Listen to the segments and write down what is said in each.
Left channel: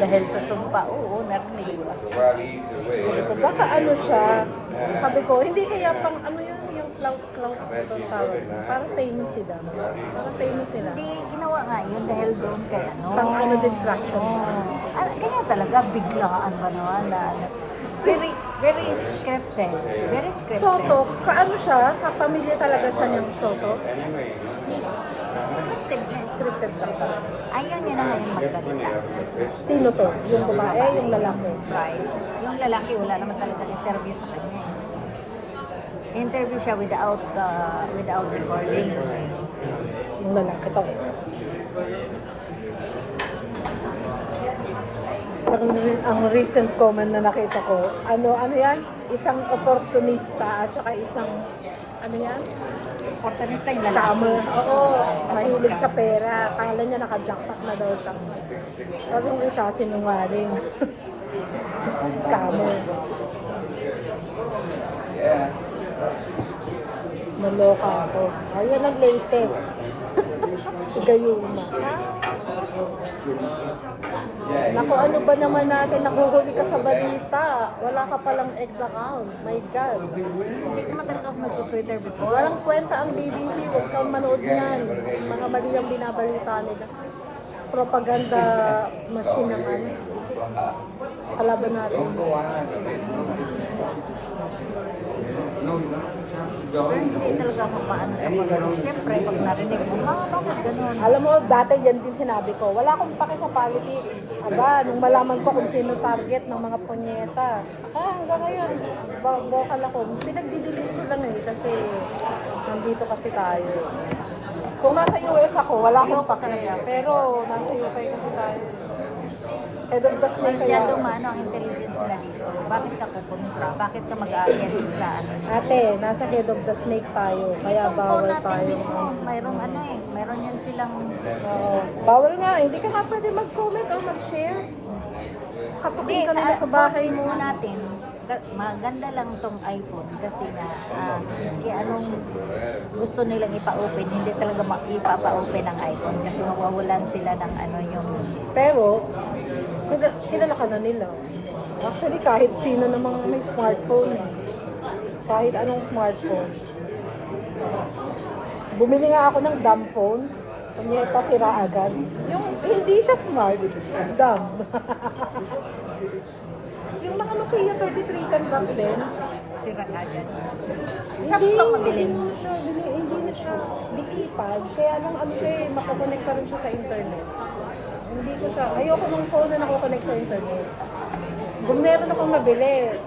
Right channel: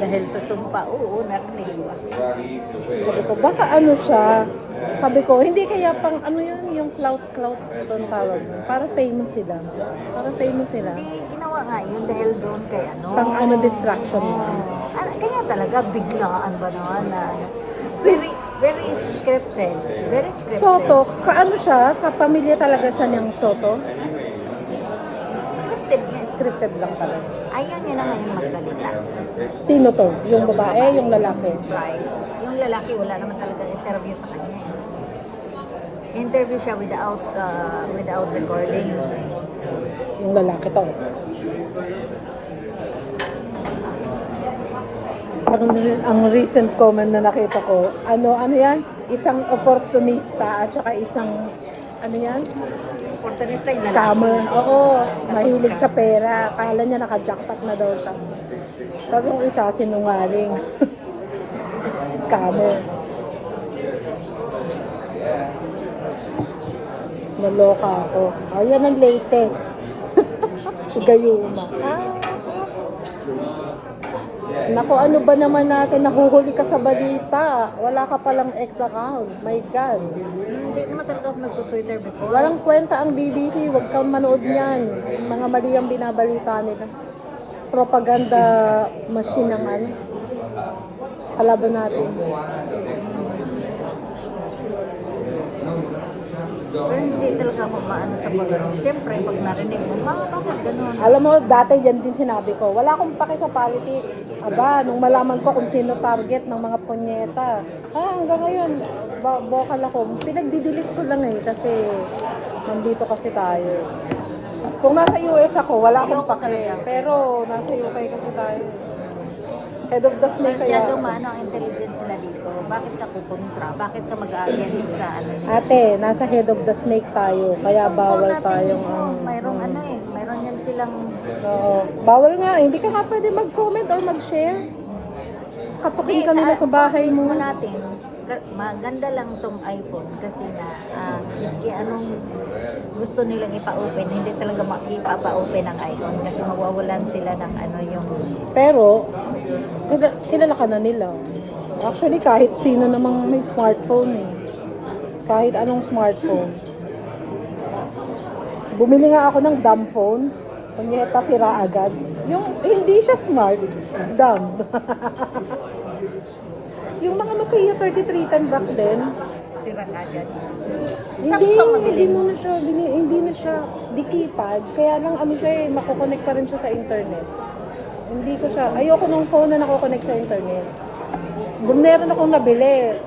Dahil sa sumpa, oo, narinig ko. Sabi ko, baka ano siya. Sabi ko, hindi kaya pang ano yan, yung clout, ito ang tawag. Para famous sila. Para famous sila. Hindi, ginawa nga yun dahil doon kay ano. Pang ano, distraction. Kanya talaga, biglaan ba naman na ano. Very, very scripted. Very scripted. Soto, kaano siya? Kapamilya talaga siya niyang Soto? Scripted na. Scripted lang. Ayaw niya na ngayon magsalita. Sino to? Yung babae, yung lalaki? Right. Yung lalaki, wala naman talaga interview sa kanya. Interview siya without recording. Yung lalaki to. Ang recent comment na nakita ko, ano yan? Isang oportunista at saka isang, ano yan? Opportunista yung lalaki. Scammer. Oo, Tapos mahilig sa scam. pera. Akala niya naka-jackpot na daw siya. Tapos yung isa sinungaling. Scammer. Naloka ako. Ayan ang latest. Si Gayuma. Naku, ano ba naman natin? Nahuhuli ka sa balita. Wala ka palang ex-account. My God. Hindi naman talaga ako nag-Twitter before. Walang kwenta ang BBC. Huwag kang manood niyan. Mga mali ang binabalita nila. Propaganda machine ang ano. Kalaban natin. Pero hindi talaga ako maano sa politics. Siyempre, pag narinig mo, bakit ganun? Alam mo, dati yan din sinabi ko, wala akong pake sa politics. Aba, nung malaman ko kung sino target ng mga punyeta, hanggang ngayon, bokal ako. Pinagdidelete ko lang kasi nandito kasi tayo. Kung nasa US ako, wala akong Ayoko pake. talaga. Pero nasa UK kasi tayo. Head of the snake Masyadong maano ang intelligence nila dito. Bakit ka kukontra? Bakit ka mag-against sa ano nila? Ate, nasa head of the snake tayo, kaya Itong bawal phone natin tayo. mismo, mayroong ano mayroon yan silang Bawal nga, hindi ka nga pwede mag-comment or mag-share. Katukin Hindi, ka nila sa phone bahay mismo mo. natin, maganda lang tong iPhone kasi nga, miski anong gusto nilang ipa-open, hindi talaga ipapa-open ang iPhone kasi mawawalan sila ng ano yung... Pero, kilala ka na nila. Actually, kahit sino namang may smartphone eh. Kahit anong smartphone. Bumili nga ako ng dumb phone. Kunyeta, sira agad. Yung hindi siya smart, dumb. Yung mga Nokia 3310 back then, Sira agad. hindi, Samsung mabili hindi mo. na siya, hindi na siya di keypad. Kaya lang ano siya eh, makakonect pa rin siya sa internet. Hindi ko siya, ayoko ng phone na nakakonect sa internet. Meron akong nabili.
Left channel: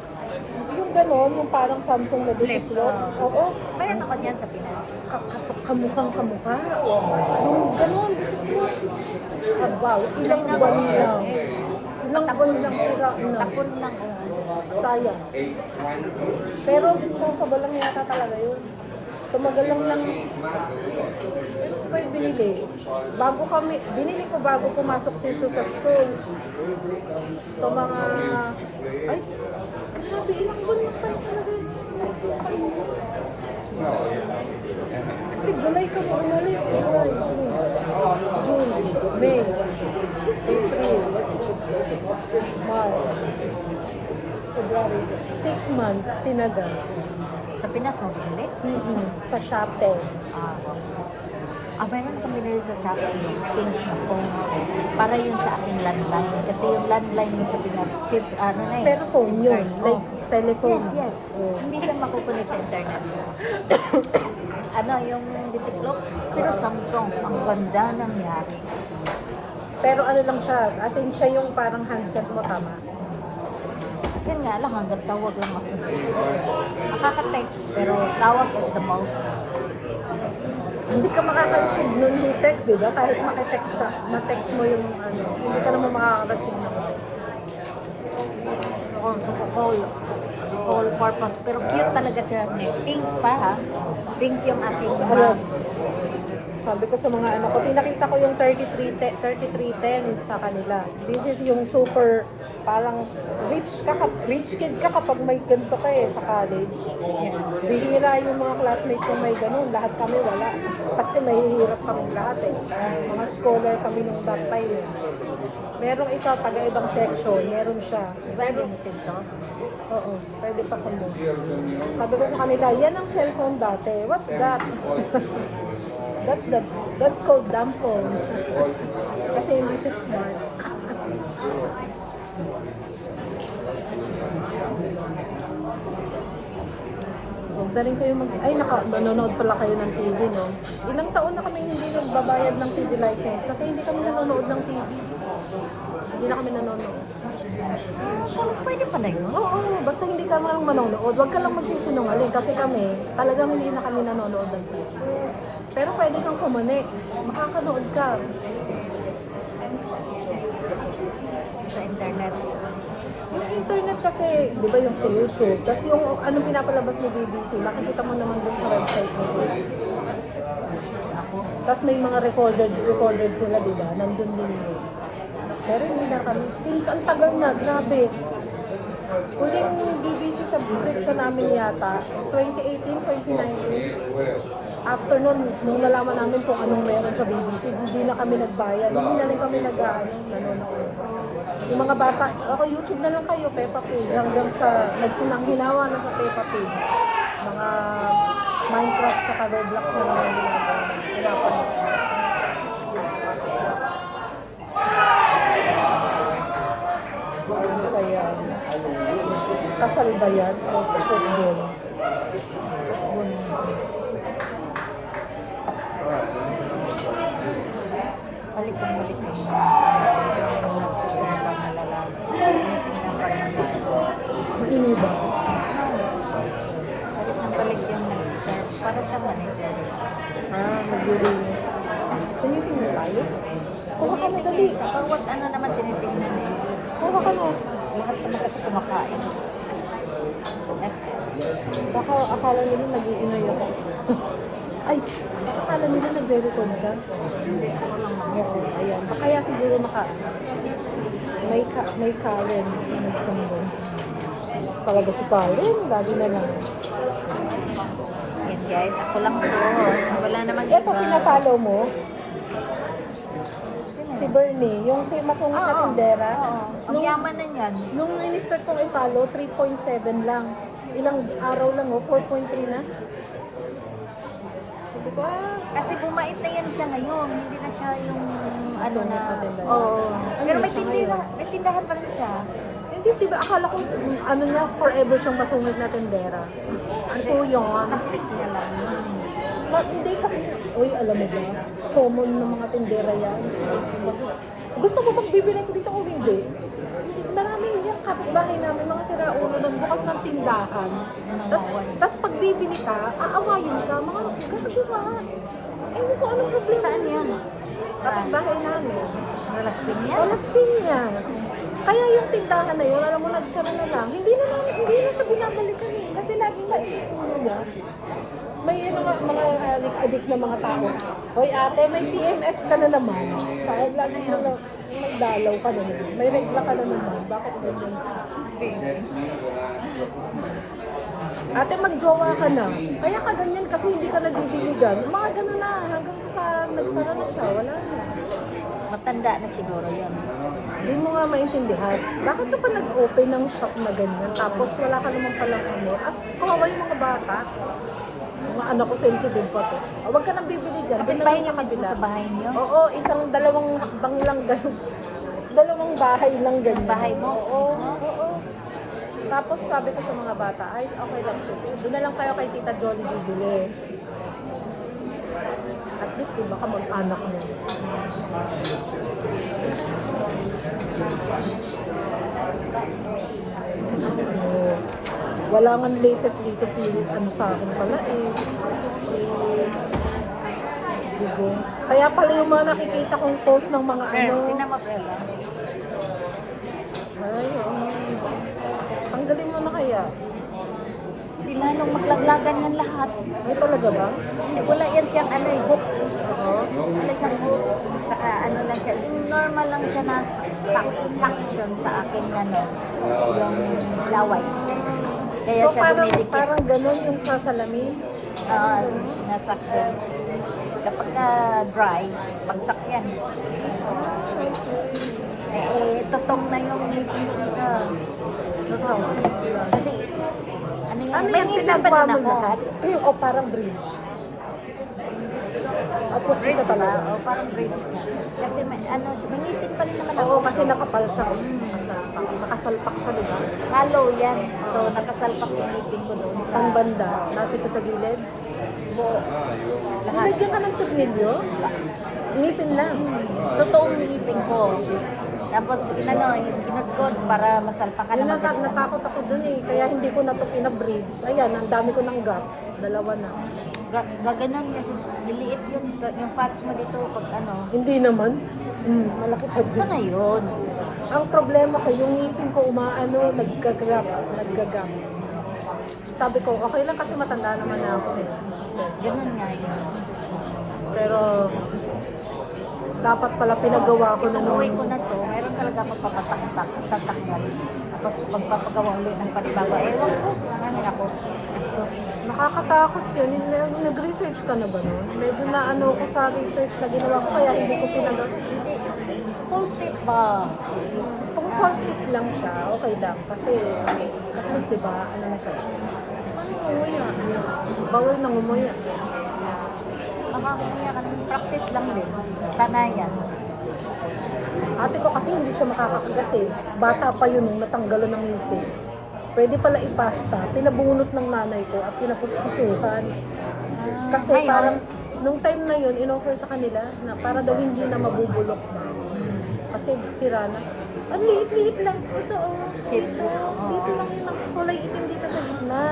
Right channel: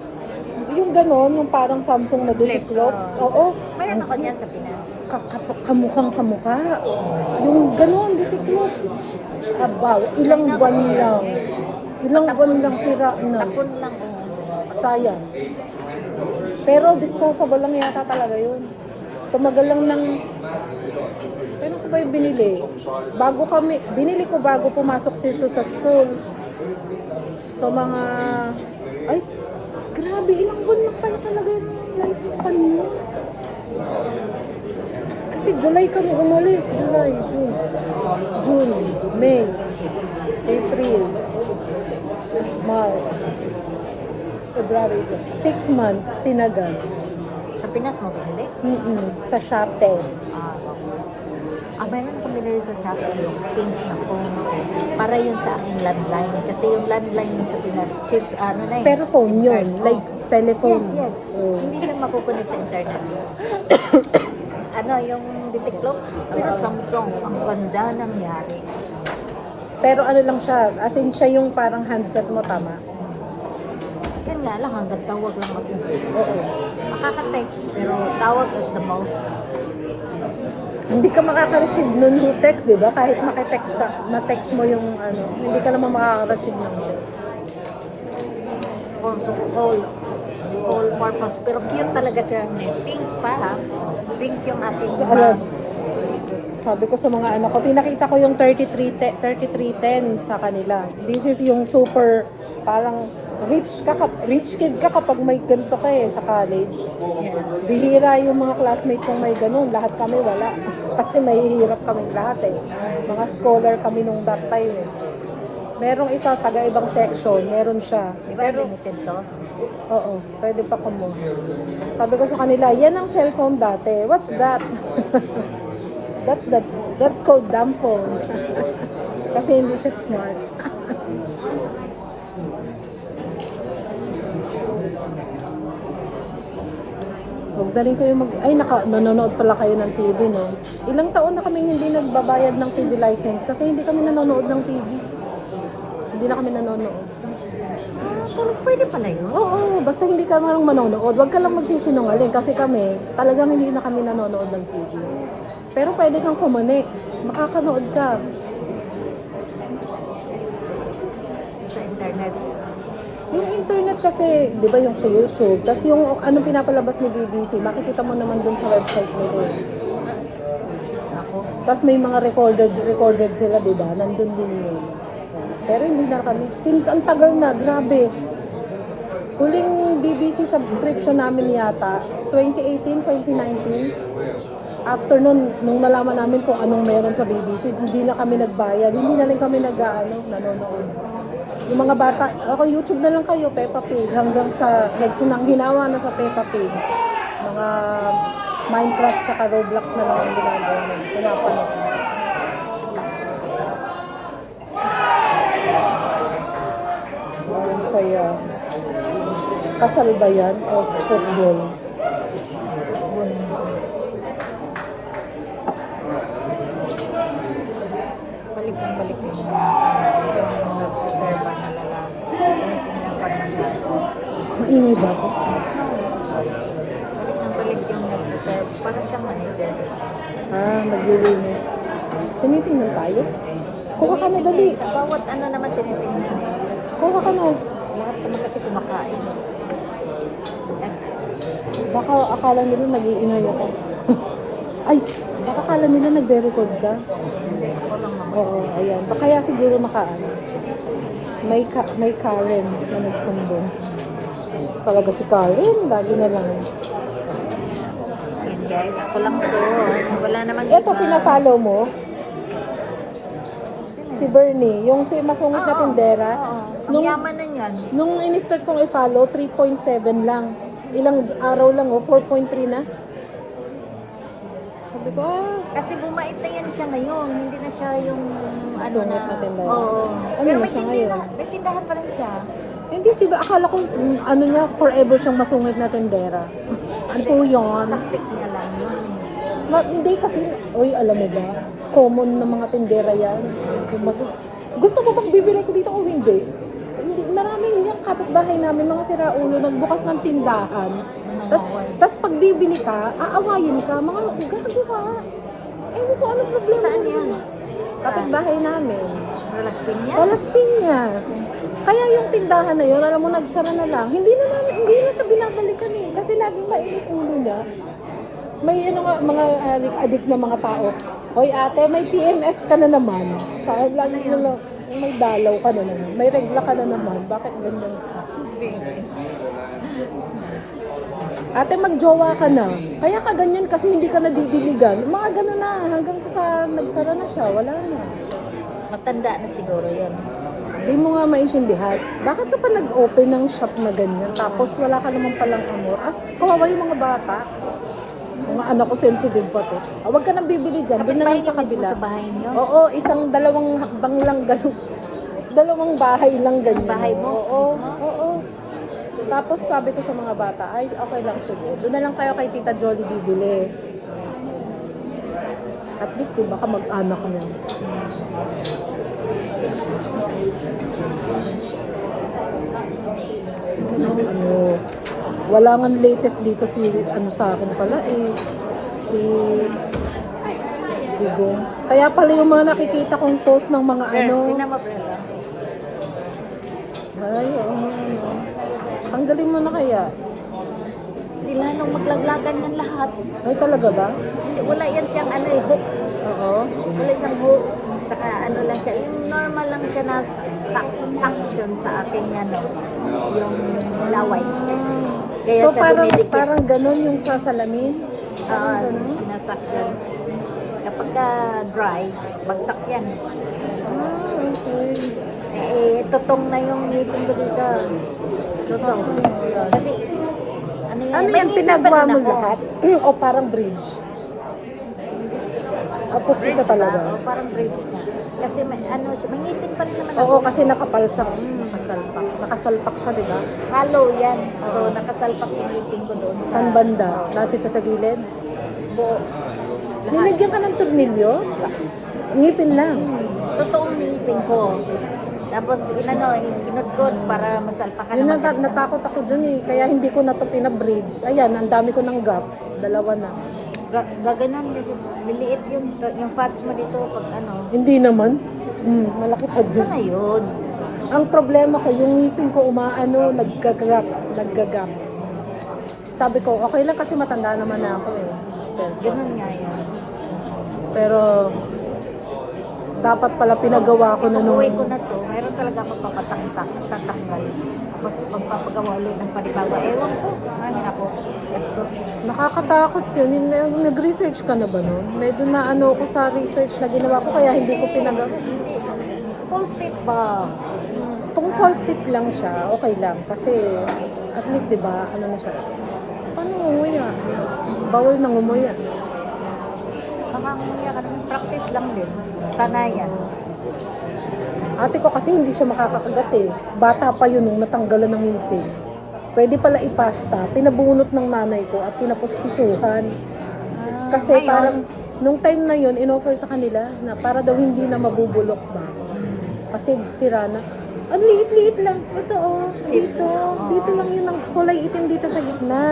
Yung gano'n, yung parang Samsung na Flip, diklop. Oo. Mayroon ako niyan sa Pinas. Kamukhang kamukha. Yung gano'n, diklop. Abaw, ilang China buwan kasi lang. yan, Ilang buwan lang sira na. Tapon lang, Sayang. Pero disposable lang yata talaga yun. Tumagal lang ng... Pero ko ba yung binili? Binili ko bago pumasok si Su sa school. So mga... Ay, grabe, ilang buwan na pala talaga yung lifespan mo. Kasi July kami umalis. June, May, April, March, February. 6 months, tinagal. Sa Pinas mo binili? Sa Shopee. Mayroon akong binili sa Shopee yung pink na phone ko. Para yun sa aking landline. Kasi yung landline mo sa Pinas, cheap, ano na eh. Pero phone SIM yun, card. like telephone. Yes. Oh. Hindi siya makukunik sa internet. Yung ditiklop. Pero Samsung, ang ganda nangyari. Pero ano lang siya, as in siya yung parang handset mo, tama? Yun nga lang, hanggang tawag lang ako. Makaka-text, pero tawag is the most. Hindi ka makaka-receive nun yung text, di ba? Kahit makitext ka, ma-text mo yung ano, hindi ka naman makaka-receive nun. Call purpose. Pero cute talaga siya. Pink pa ha. Pink yung aking Alam, mug. sabi ko sa mga ano ko, pinakita ko yung 3310 sa kanila. This is yung super, parang rich kid ka kapag may ganito ka sa college. Yeah. Bihira yung mga classmate ko may ganun, lahat kami wala. Kasi may hirap kami lahat Mga scholar kami nung that time Merong isa taga ibang section, meron siya. Di ba limited to? Oo, pwede pa kamo. Sabi ko sa kanila, yan ang cellphone dati. What's that? That's called dumb phone. Kasi hindi siya smart. Huwag na rin kayo nanonood pala kayo ng TV, no? Ilang taon na kaming hindi nagbabayad ng TV license kasi hindi kami nanonood ng TV. Hindi na kami nanonood. Parang pwede pala yun. Oo, basta hindi ka lang manonood. Huwag ka lang magsisinungaling kasi kami, talagang hindi na kami nanonood ng TV. Pero pwede kang kumanik. Makakanood ka. Sa internet. Yung internet kasi, di ba yung sa YouTube, tapos yung anong pinapalabas ni BBC, makikita mo naman dun sa website nila. Ako. Tapos may mga recorded sila, di ba? Nandun din yun. Pero hindi na kami. Since ang tagal na, grabe. Huling BBC subscription namin yata, 2018, 2019. After nun, nung nalaman namin kung anong meron sa BBC, hindi na kami nagbayad. Hindi na rin kami nanonood. Yung mga bata, ako YouTube na lang kayo, Peppa Pig. Hanggang sa nagsinang hinawa na sa Peppa Pig. Mga Minecraft tsaka Roblox na lang ang ginagawa. Pinapanood. Saya. Kasal ba yan? O football? Bun. Balik yung nagsiserva na lalaki. Tingnan pa ng tayo. Maingay ba? No. Balik yung nagsiserve. Para siyang manager dito. Naglilinis. Tinitingnan tayo? Kuha ka na dali. Bawat ano naman tinitingnan eh. Kuha ka na. Lahat naman kasi kumakain. Baka akala nila nag-iingay ako. Ay, baka akala nila nagre-record ka. Hindi, ako lang naman. Oo, ayan. Baka kaya siguro may Karen na nagsumbong. Talaga si Karen, lagi na lang. Yan guys, ako lang to. Wala namang iba. Ito, pina-follow mo? Sino Si yun? Bernie, yung si masungit na tindera. Oo. Ang yaman na yan. Nung in-start kong i-follow, 3.7 lang. Ilang araw lang, 4.3 na. Sabi ko, Kasi bumait na yan siya ngayon. Hindi na siya yung ano Masungit na. na tindera. Oo. Ano Pero na siya ngayon? may tindahan pa rin siya. hindi, diba, akala ko, ano niya, forever siyang masungit na tindera. Ano yung, Taktik niya lang yun. hindi kasi, oy, alam mo ba, common ng mga tindera yan. Yung gusto mo bang bibili ko dito kung hindi? Hindi, maraming yung kapitbahay namin, mga siraulo, nagbukas ng tindahan. Tapos pag bibili ka, aawayin ka, mga gago ka. Ewan ko, anong problema? Saan yun? Sa Kapitbahay namin. Las Piñas? Sa Las Piñas. Kaya yung tindahan na yun, alam mo, nagsara na lang. Hindi na siya binabalikan eh. Kasi laging maiipulo niya. May ano nga, mga adik na mga tao. Hoy ate, may PMS ka na naman. Kahit lagi mo lang, may dalaw ka na naman. May regla ka na naman. Bakit ganyan ka? Babies. Ate, magjowa ka na. Kaya ka ganyan kasi hindi ka nadidiligan. Mga gano'n na. Hanggang sa nagsara na siya, wala na. Matanda na siguro yun. Hindi mo nga maintindihan. Bakit ka pa nag-open ng shop na ganyan? Tapos wala ka naman palang amor. Kawawa yung mga bata. Mga anak ko sensitive pa to. Huwag ka nang bibili dyan. Doon na Kapitbahay lang niyo sa mismo kabila. sa bahay niyo? Oo, dalawang hakbang lang ganun. Dalawang bahay lang ganyan. Yung bahay mo Oo, mismo? Oo. Tapos sabi ko sa mga bata, ay okay lang sige. Doon na lang kayo kay Tita Johnny bibili. At least diba ka mag-anak na. Wala nga latest dito si sa akin pala si Digo. Kaya pala yung mga nakikita kong post ng mga Tingnan mo, pre lang. Ay, ang galing mo na kaya. Hindi lalong maglaglagan yan lahat. Ay, talaga ba? Hindi, wala yan siyang hook. Oo. Wala siyang hook. Tsaka lang siya. Yung normal lang siya na suction sa aking yung laway. Kaya siya parang, dumidikit. parang ganun yung sasalamin. Sinasuction. Kapag dry, bagsak yan. tutong na yung ngipin ko dito. Tutong. Kasi, ano yan, Ano may yan, ngipin pa pinagawa din mo ako. lahat? O parang bridge? O pusto Bridge siya ba? talaga? O parang bridge ka. Kasi may, ano, may ngipin pa rin naman ako. Oo, kasi nakapalsak. Nakasalpak. Nakasalpak siya, di ba? Hollow yan. So, nakasalpak yung ngipin ko doon sa... Saan banda? Oo. Dati to sa gilid? Buo. Lahat. Nilagyan ka ng tornilyo? Ngipin lang. Totoong ngipin ko. Tapos, kinudkod para masalpakan Yun na ang maganda. natakot ako dyan eh. Kaya hindi ko na ito pinabridge. Ayan, ang dami ko ng gap. Dalawa na. Gaganon kasi niliit yun. Yung fats mo dito pag ano. Hindi naman. Malaki pa Sa dyan. ngayon, Ang problema ko, yung ngipin ko umaano, naggagap. Sabi ko, okay lang kasi matanda naman na ako eh. ganun nga yun. Pero, dapat pala pinagawa ko na Itong nung... uwi ko na to, mayroon talaga ako tatanggal. Tapos magpapagawa ulit ng panibago. Ewan ko, mangin ako. Gastos. Nakakatakot yun. Nag-research ka na ba nun? Medyo na ano ko sa research na ginawa ko, kaya hindi ko pinagawa. Hindi. Full step ba? Kung full stick lang siya, okay lang. Kasi, at least, di ba, ano na siya? Paano umuya? Bawal nang umuya. Makakumuya ka naman. Practice lang din. Sana yan. Ate ko kasi hindi siya makakakagat eh. Bata pa yun nung natanggalan ng ngipin. Pwede pala ipasta. Pinabunot ng nanay ko at pinapustisuhan. Kasi Ngayon, parang, nung time na yun, in-offer sa kanila na para daw hindi na mabubulok ba. Kasi sira na. Ang liit-liit lang. Ito oh. Chips. Dito. Oo. Dito lang yun ang kulay itim dito sa gitna.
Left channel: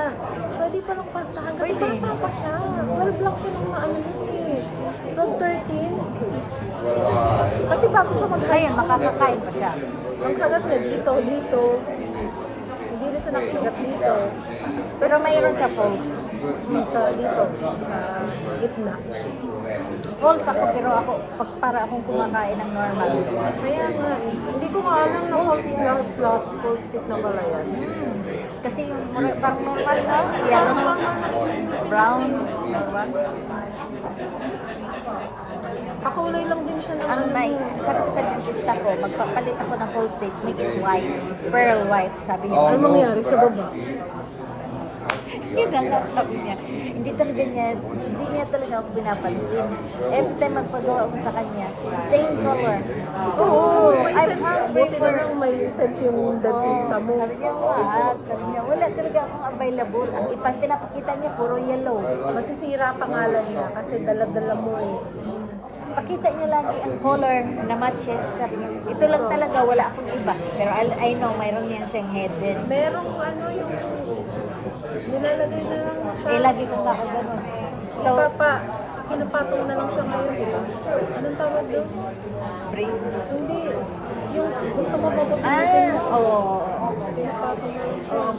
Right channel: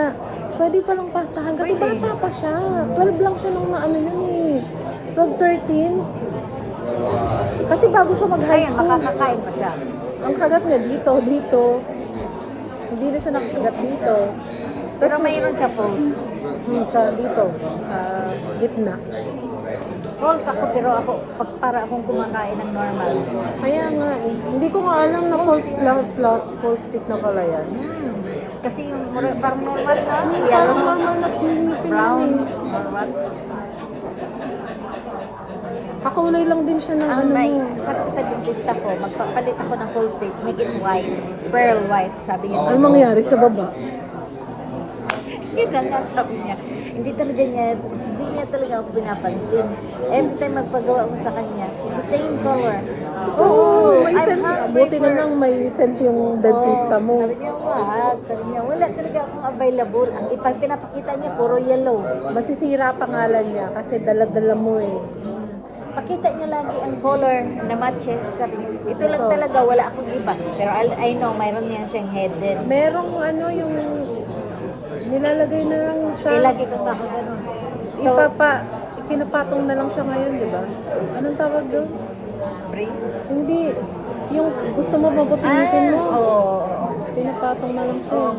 Pwede pa lang pastahan. Kasi Pwede. bata pa siya. 12 lang siya nung ano nun eh. 12, 13. Kasi bago siya mag-high ngayon, school. makakakain pa siya. Ang kagat niya dito. Hindi na siya nakagat dito. Pero mayroon siya false. Isa dito. Sa gitna. False ako, pero ako, pag para akong kumakain ng normal. Kaya nga eh. Hindi ko nga alam na False full, yan. full stick na pala yan. Kasi yung parang normal na, yellow, Normal na ngipin brown, lang eh. normal. Kakulay lang din siya ng Ang sabi ko sa dentista ko, magpapalit ako ng full stick, make it white, pearl white, sabi niya. Ano nangyari sa baba? Yun na nga, sabi niya. Hindi niya talaga ako pinapansin. Every time magpagawa mo sa kanya, the same color. Oo, may I'm sense. hungry Buti for... na lang may sense yung dentista mo. Sabi niya, wag. Sabi niya, wala talaga akong available. Ang pinapakita niya, puro yellow. Masisira pangalan niya kasi dala-dala mo eh. Pakita niyo lagi ang color na matches. Sabi niya, ito lang talaga, wala akong iba. Pero I know, mayroon niyan siyang head din. Merong ano yung nilalagay na lang siya. Lagi kong ako ganun. So, Pinapatong na lang siya ngayon, di ba? Anong tawag doon? brace. Hindi. Yung gusto mo mabutin Oo. Pinapatong na lang siya. Oh,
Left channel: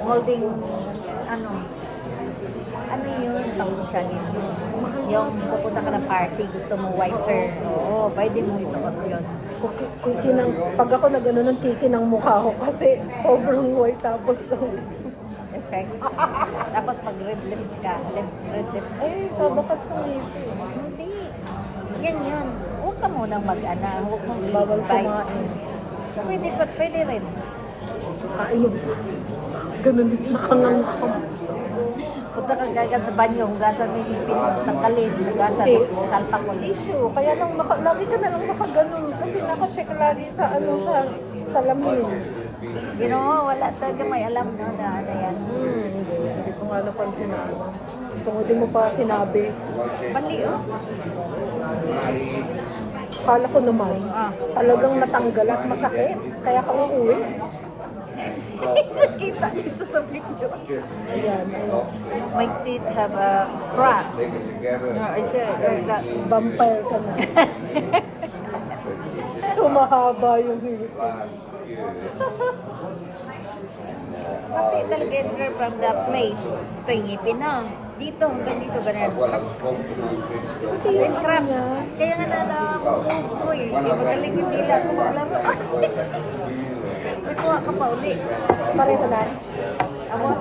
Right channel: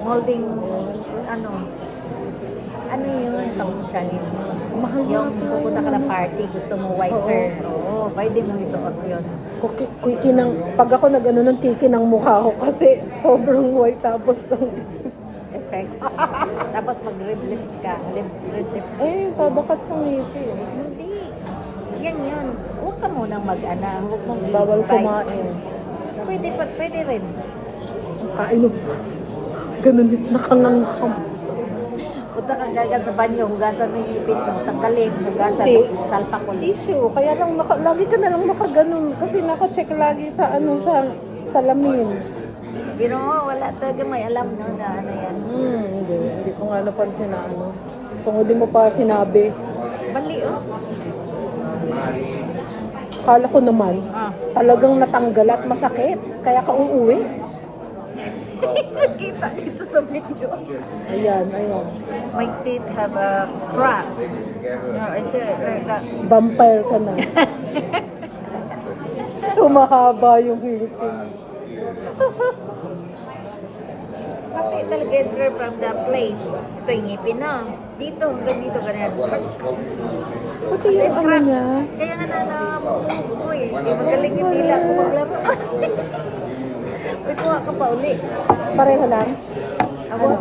molding, ano yun, pang sosyalin yun. Yung pupunta ka ng party, gusto mo whiter, oo, pwede mo isuot yun. Pag ako nag-ano kiki ng mukha ko kasi sobrang white tapos Effect. Tapos mag-red lips ka, red lips. pabakat sa ngipin. Hindi. Yan yun. Huwag ka munang mag-ana, huwag mong Bawal i-bite. kumain. Pwede rin. Kain mo. Ganun, nakangangkam. Punta ka gagad sa banyo, hugasan mo yung ngipin mo, tanggalin, hugasan, Okay. salpak ulit. Tissue. Kaya lang, lagi ka na lang nakaganon. Kasi naka-check lagi sa salamin. Ginoo, wala talaga may alam no na ano yan. Hindi ko nga napansin na ano. Kung hindi mo pa sinabi. Bali oh. Kala ko naman, Talagang talagang natanggal at masakit. Kaya ka uuwi. nakita dito sa video. Ayan, ayun. My teeth have a crack. No, like that. Vampire ka na. Tumahaba yung ngipin. Pati talaga enter from the plate. Ito yung ngipin na. Dito, hanggang dito, ganyan. Pati As in yung ano crack. niya. Kaya nga na-move ko eh. Magaling yung dila ko maglaro. Uy, kuha ka pa uli. Pareho lang. Awag.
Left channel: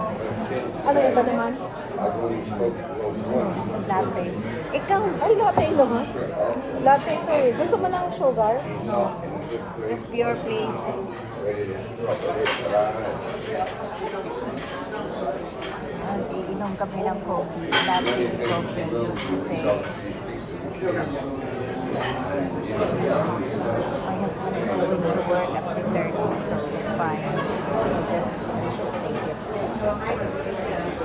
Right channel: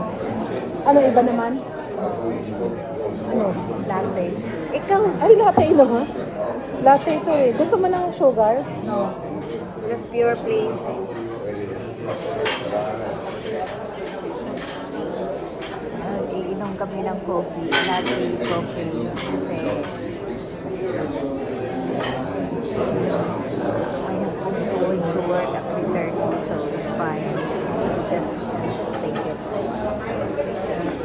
Ano iba naman? Ano? Latte. Ikaw. Ay, latte ino ha? Latte ito eh. Gusto mo ng sugar? No. Just pure please. Iinom kami ng coffee, latte coffee kasi my husband is going to work at 3:30, so it's fine. I'll just stay here for a while.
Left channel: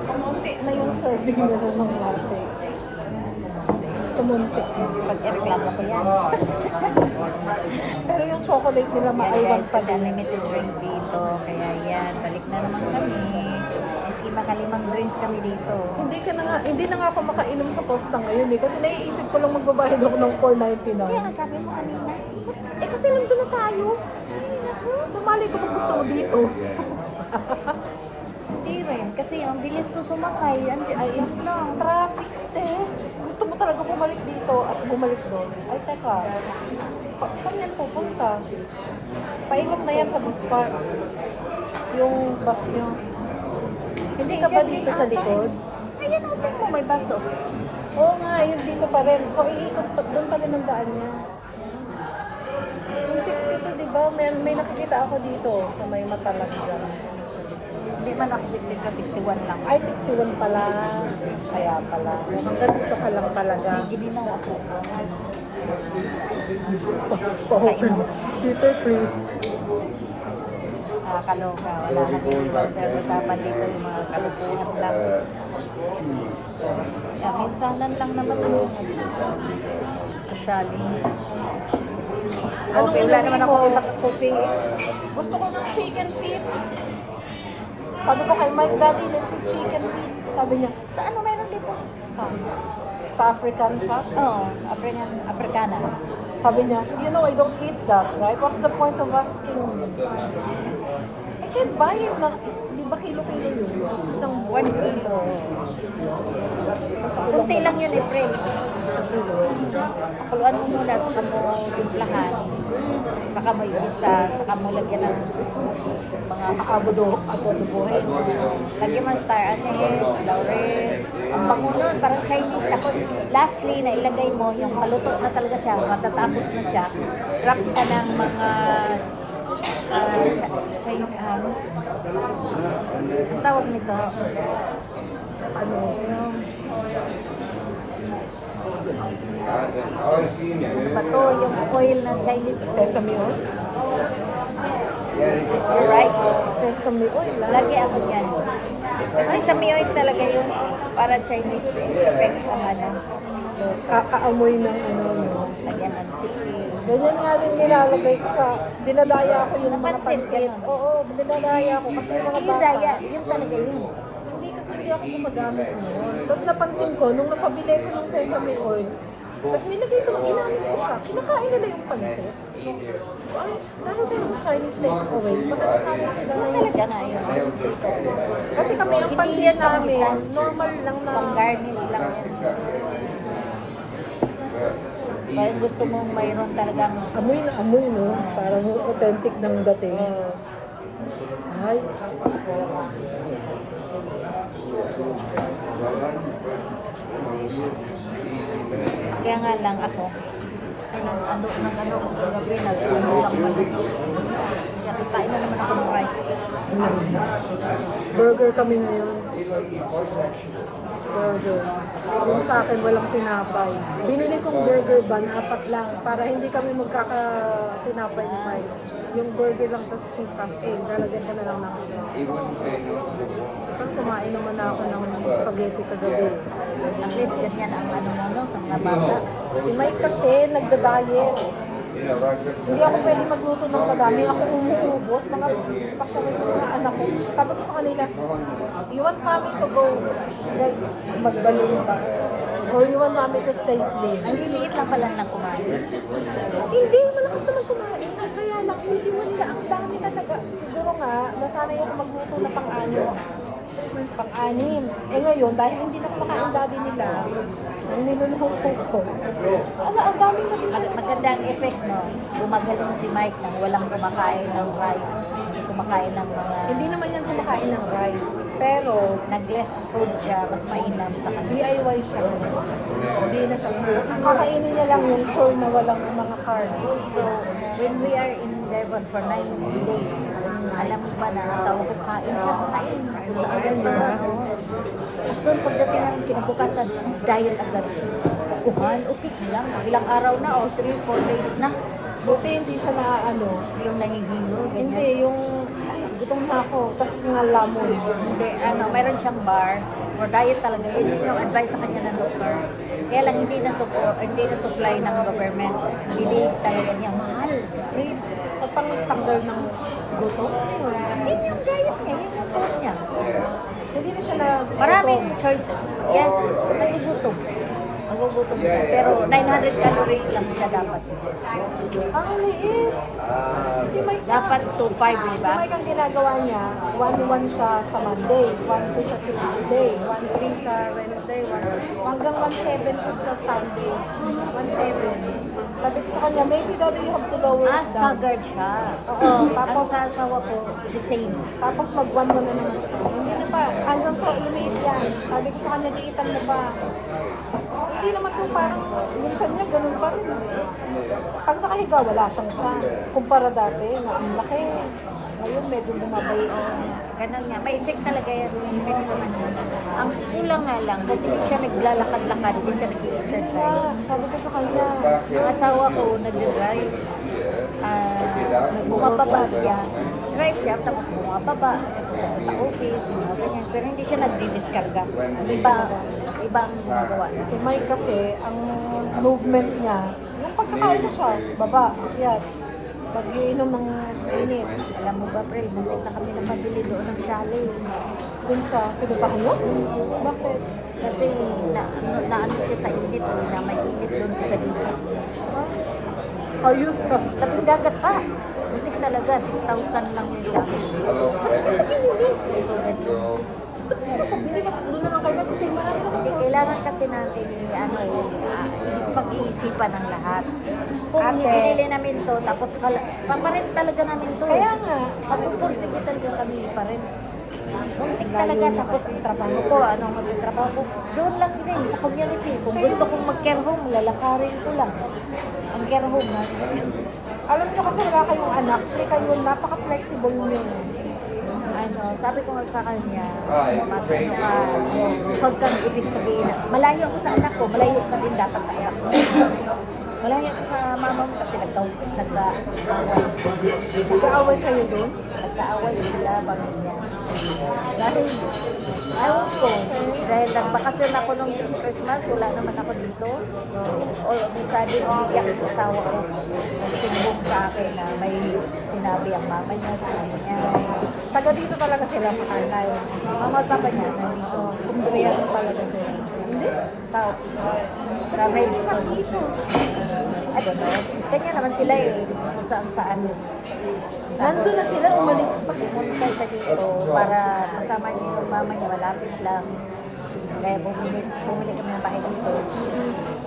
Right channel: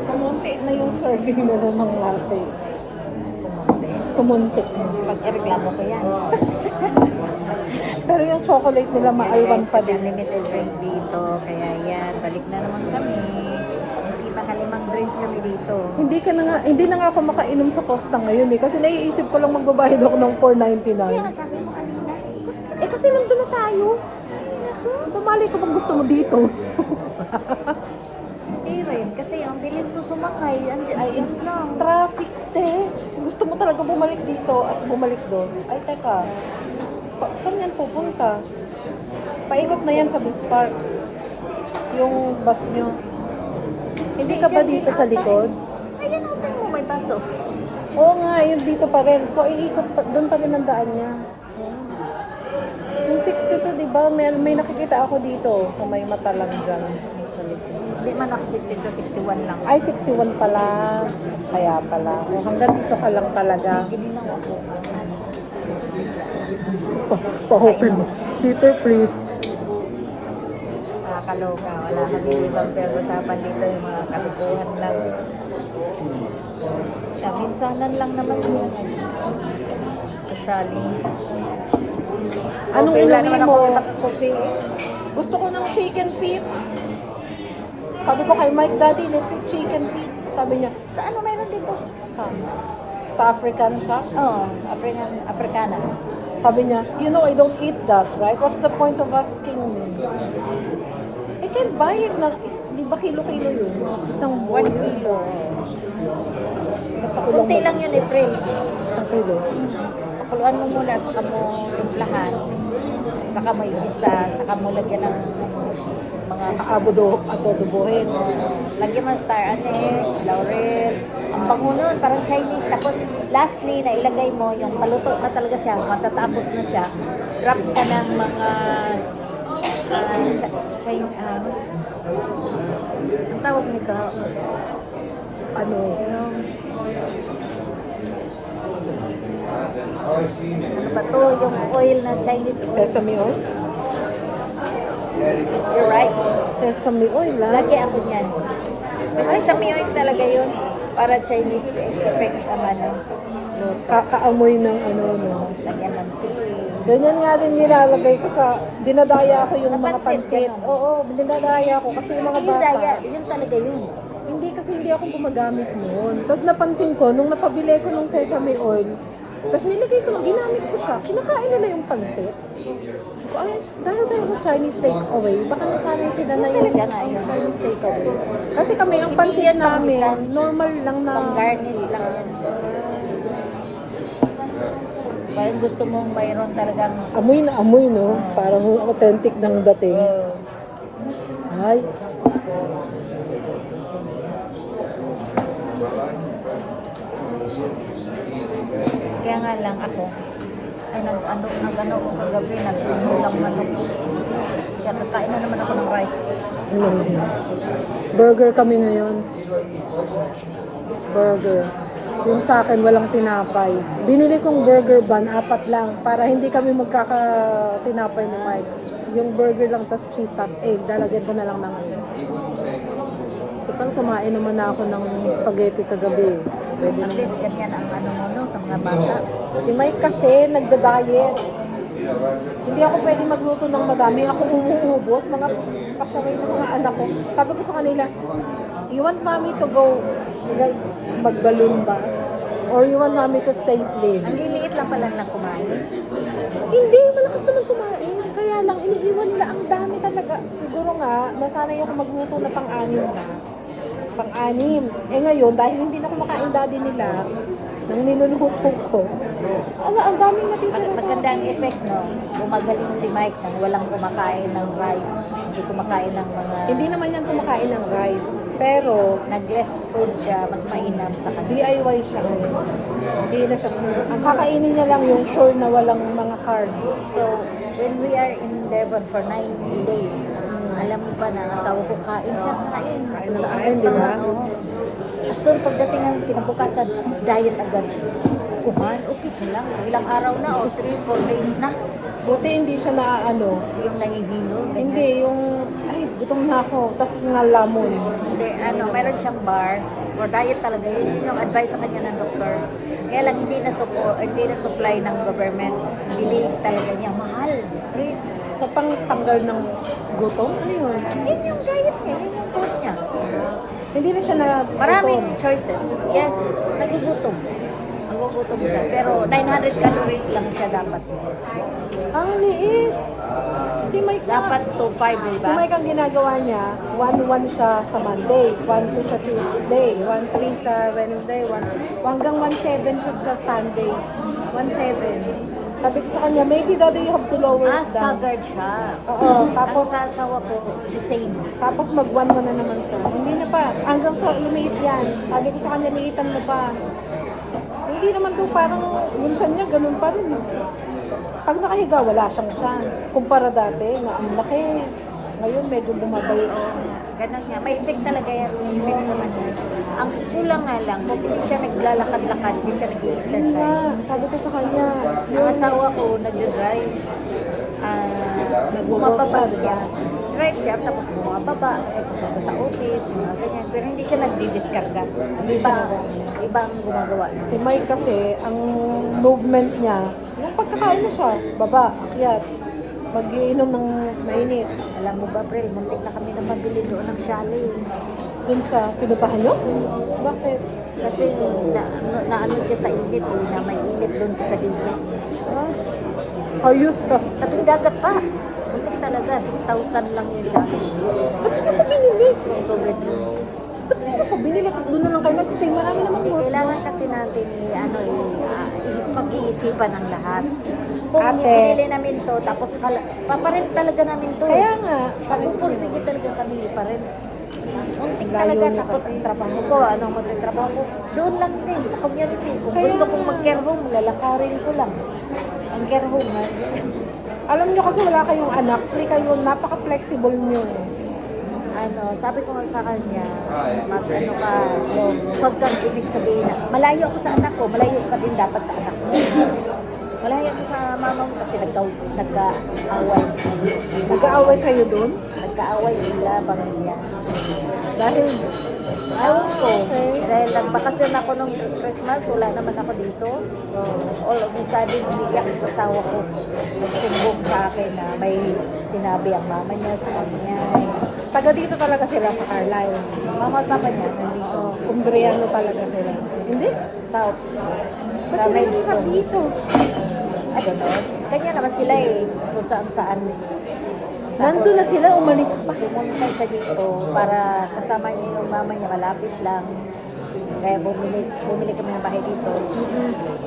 Kumunti na yung serving na ng mga latte. Kumunti. Kumunti. Pag ireklamo ko yan. Pero yung chocolate nila Yan makaiwan guys, pa kasi din. unlimited drink dito. Kaya yan, balik na naman kami. Maski makalimang drinks kami dito. Hindi na nga ako makainom sa Costa ngayon eh. Kasi naiisip ko lang magbabayad ako ng Kaya nga $4.99. sabi mo kanina, Eh kasi nandun na tayo. ay naku. Tumali ko kung gusto mo dito. Hindi rin, kasi ang bilis ko sumakay, andyan lang. Traffic din. Gusto mo talaga bumalik dito at bumalik doon. Ay, teka. Saan yan pupunta? Paiwag na yan sa Boots Park. Yung bus nyo. Hindi ka ba dyan dito din sa ata likod? eh. Ayan, open mo, may baso. Oo nga, yun dito pa rin. So, iikot pa, doon pa rin ang daan niya. Yung 62, di ba? May nakikita ako dito sa may mata lang dyan. Hindi man ako 60 to 61 lang. Ay, 61 pala. Kaya pala. Hanggang dito ka lang talaga. May gininaw ako. Open. Peter, please. Kaloka, wala kami ibang pag-usapan dito, yung mga kalukuhan lang. Minsanan lang naman yung socialing. Coffee, wala naman ako iba ka coffee. Gusto ko ng chicken feet. Sabi ko kay Mike, Daddy, let's eat chicken feet. Sabi niya, Sa ano meron dito? sa African ka? Oh, Africana. Sabi niya, you know I don't eat that, right? What's the point of asking me? I can buy it na, di ba kilo-kilo yun? Isang 1 kilo. Kunti lang yun, April. isang kilo. Pakuluan mo muna, saka mo timplahan. Saka mo igisa, saka mo lagyan ng mga Adobohin. lagyan mo ng star anise, laurel. Ang bango nun, parang Chinese. Tapos lastly, na ilagay mo yung paluto na talaga siya, matatapos na siya. Wrap ka ng mga ano? Ang tawag nito? Ano? Yung ano ba to? Yung oil na Chinese oil. Sesame oil? You're right. Sesame oil, ha? Lagi ako niyan. Kasi sa oil talaga yun. Para Chinese effect ang ano. Luto. Kakaamoy ng ano, no? Lagyan ng sili. Ganyan nga din nilalagay ko sa, dinadaya ko yung Sa mga pansit, pansit. ganon. Oo, dinadaya ko kasi yung mga Yung daya, yun talaga yun. Hindi kasi hindi ako gumagamit noon. Tapos napansin ko, nung napabili ko ng sesame oil, tapos nilagay ko, ginamit ko siya, kinakain nila yung pansit. Ay, dahil ko Chinese takeaway, baka nasanay sila Yun na talaga nga yun. Chinese takeaway. Kasi kami, ang Hindi pansit yan namin, panggisa. normal lang na. Pang-garnish lang yan. Parang gusto mong mayroon talagang Amoy na amoy, no? Ah. Parang authentic ng dating. Ay, kaya nga lang ako ay nag-ano ko kagabi, nag-ulang manok. Kaya kakain na naman ako ng rice. ano? Burger kami ngayon. Burger. Yung sa akin, walang tinapay. Binili kong burger bun, 4 lang, para hindi kami magkaka-tinapay ni Mike. Yung burger lang, tas cheese, tas egg. Lalagyan ko na lang ng egg. Total, kumain naman na ako ng spaghetti kagabi. Pwede At na. least ganyan ang ano mo no, sa mga bata. Si Mike kasi nagda-diet. Hindi ako pwede magluto ng madami. Ako umuubos, mga kasama ng mga anak ko. Sabi ko sa kanila, You want mommy to go mag-balloon ba? Or you want mommy to stay still? Ang liliit lang pala ng kumain. Hindi, malakas naman kumain. Kaya lang, iniiwan nila ang dami talaga. Siguro nga, nasanay yung magluto ng pang-anim. Pang-anim. Eh ngayon, dahil hindi na kumakain daddy nila, nang niluluto ko, ang daming naging Maganda ang effect, no? Gumagaling si Mike nang walang kumakain ng rice. Hindi kumakain ng mga... Hindi naman yan kumakain ng rice. Pero, Nag-less food siya, mas mainam sa kanya. DIY siya. Hindi na siya. Ang kakainin niya lang yung sure na walang mga carbs. So, when we are in Devon for 9 days, alam mo ba na asawa ko kain siya, kain. Kung saan restaurant, oo. As soon, pagdating ng kinabukasan, diet agad. Kuhan, okay ka lang. Ilang araw na, o 3-4 days na. Buti hindi siya na Yung nahihilo, ganyan. hindi yung, ay, gutom na ako. Tapos nalamon. Hindi, mayroon siyang bar for diet talaga. Yun yung advice sa kanya ng doktor. Kaya lang hindi na supply ng government. Bili talaga niya. Mahal. Rate. So, pang tanggal ng gutom? Ano yun? Yun yung diet niya. Yun yung food niya. Hindi na siya na... Maraming choices. Yes, nagugutom. Nagugutom siya. Pero 900 calories lang siya dapat. Ang liit. Si Mike Dapat to 5, di Si ba? Mike ang ginagawa niya, 1-1 siya sa Monday, 1-2 sa Tuesday, 1-3 sa Wednesday, hanggang 1-7 siya sa Sunday. 1-7. Sabi ko sa kanya, maybe daddy you have to lower it down. Staggered siya. Oo, Ang tapos, sa asawa ko, the same. tapos mag-1 mo na naman siya. Hindi na pa, hanggang sa lumit yan. Sabi ko sa kanya, niitan mo pa. Hindi naman to parang, minsan niya, ganun pa rin. Pag nakahiga, wala siyang tiyan. Kumpara dati, na ang laki. Ngayon, medyo bumabay. Oo nga, ganun nga. May effect talaga yan. May effect naman yan. Ang kulang nga lang, kung hindi siya naglalakad-lakad, hindi siya nag-exercise. Sabi ko sa kanya, Ang asawa ko, nagde-drive. Bumababa siya. Drive siya, tapos bumababa kasi pupunta sa office, yung mga ganyan. Pero hindi siya nagdi-diskarga. Iba ang gumagawa na. si Mike kasi, ang movement niya, pagkakain na siya, baba, akyat. Pag-iinom ng mainit. Alam mo ba, Prel, muntik na kami na pabili doon ng chalet. Dun sa pinutahan niyo? Bakit? Kasi na ano siya sa init eh, na may init doon isa dito. Ayos ka. Tabing dagat pa. Muntik talaga, 6,000 lang yung chalet. Ba't hindi ko binili? 2 bedroom. Ba't hindi ko binili? Tapos doon na lang kayo nag-stay. Marami naman. Hindi, kailangan kasi natin pag-iisipan ang lahat. Kung Ate. binili namin to, tapos paparent talaga namin to. Kaya nga, Mapupursige talaga kami iparent. Muntik talaga, tapos ang trabaho ko, magtatrabaho ko, doon lang din, sa community. Kung gusto kong mag-care home, lalakarin ko lang. Ang care home, alam niyo kasi wala kayong anak. Kasi kayo, napaka-flexible niyo. sabi ko nga sa kanya, mag-ano ka, huwag kang ibig sabihin na, malayo ako sa anak ko, malayo ka din dapat sa anak mo. Malayo ako sa mama mo kasi nagka-away. Nag-aaway kayo doon? Nagka-away sila, pamilya. Dahil, Ewan ko, dahil nagbakasyon ako nung Christmas, wala naman ako dito. All of a sudden, umiyak yung asawa ko. Nagsumbong sa akin na may sinabi ang mama niya sa kanya. taga dito talaga sila sa Carlisle. Mama at papa niya nandito. Kumbriano talaga sila. Hindi? South. Sa Maidstone. Dito. I don't know. Kanya naman sila eh. Kung saan-saan. Nandun na sila, umalis pa. Pumunta siya dito para kasama niya yung mama niya. Malapit lang. Kaya bumili kami ng bahay dito.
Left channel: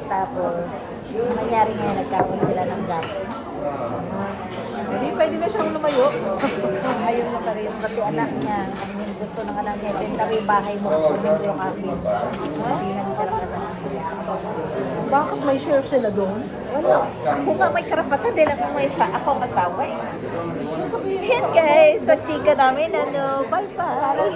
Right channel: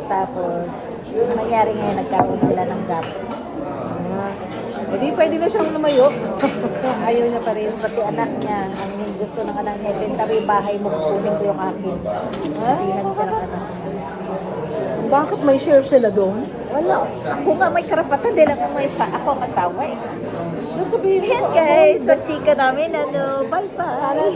Tapos, ang nangyari ngayon, nagkaroon sila ng gap. Hindi, pwede na siyang lumayo. Ayaw niya pa rin. Tapos pati anak niya, ang gusto ng anak niya, ibenta mo yung bahay mo, kukunin ko yung akin. Sabihan siya ng anak niya. Bakit may share sila doon? Wala. Ako nga may karapatan dahil ako ang asawa eh. Ano sabihin? Ayan guys, sa chika namin, bye-bye.